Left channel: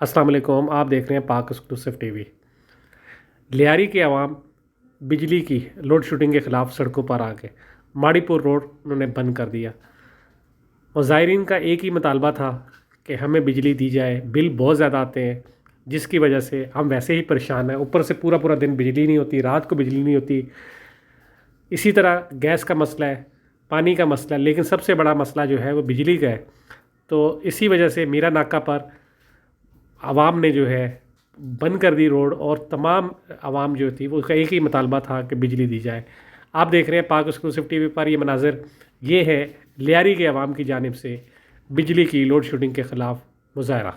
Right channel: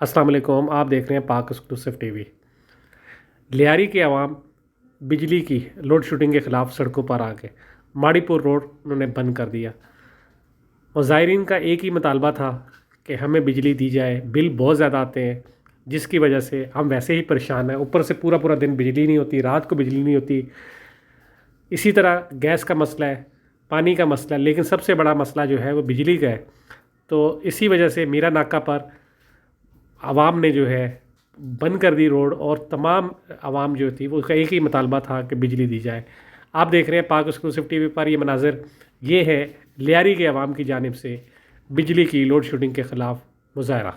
अस्सलाम वालेकुम। आप देख रहे हैं पाक एक्सक्लूसिव टीवी। लियारी के अवाम बिजली की लोड शेडिंग के ख़िलाफ़ सड़कों पर आ गए। माड़ीपुर रोड उन्होंने बंद कर दिया। मुज़ाहिरीन का एक ही मुतालबा था कि हमें बिजली दी जाए। बिल बहुत ज़्यादा आते हैं जिसकी वजह से हम वैसे ही परेशान हैं, ऊपर से पूरा पूरा दिन बिजली नहीं होती, रात को बिजली नहीं होती। इसी तरह गैस का मसला है, पानी का मसला है, लेकिन सबसे बड़ा मसला जो है वो बिजली का है। तो इसी वजह से मीरा नाका पर आवाम ने जो है बंद कर दी रोड, और तमाम आवाम जो थी वो उसका एक ही मुतालबा था कि बिजली दी जाए। आप देख रहे हैं पाक एक्सक्लूसिव टीवी पर ये मनाज़र। ये है लियारी के अवाम की जानिब से बिजली की लोड शेडिंग के ख़िलाफ़ मुज़ाहरा।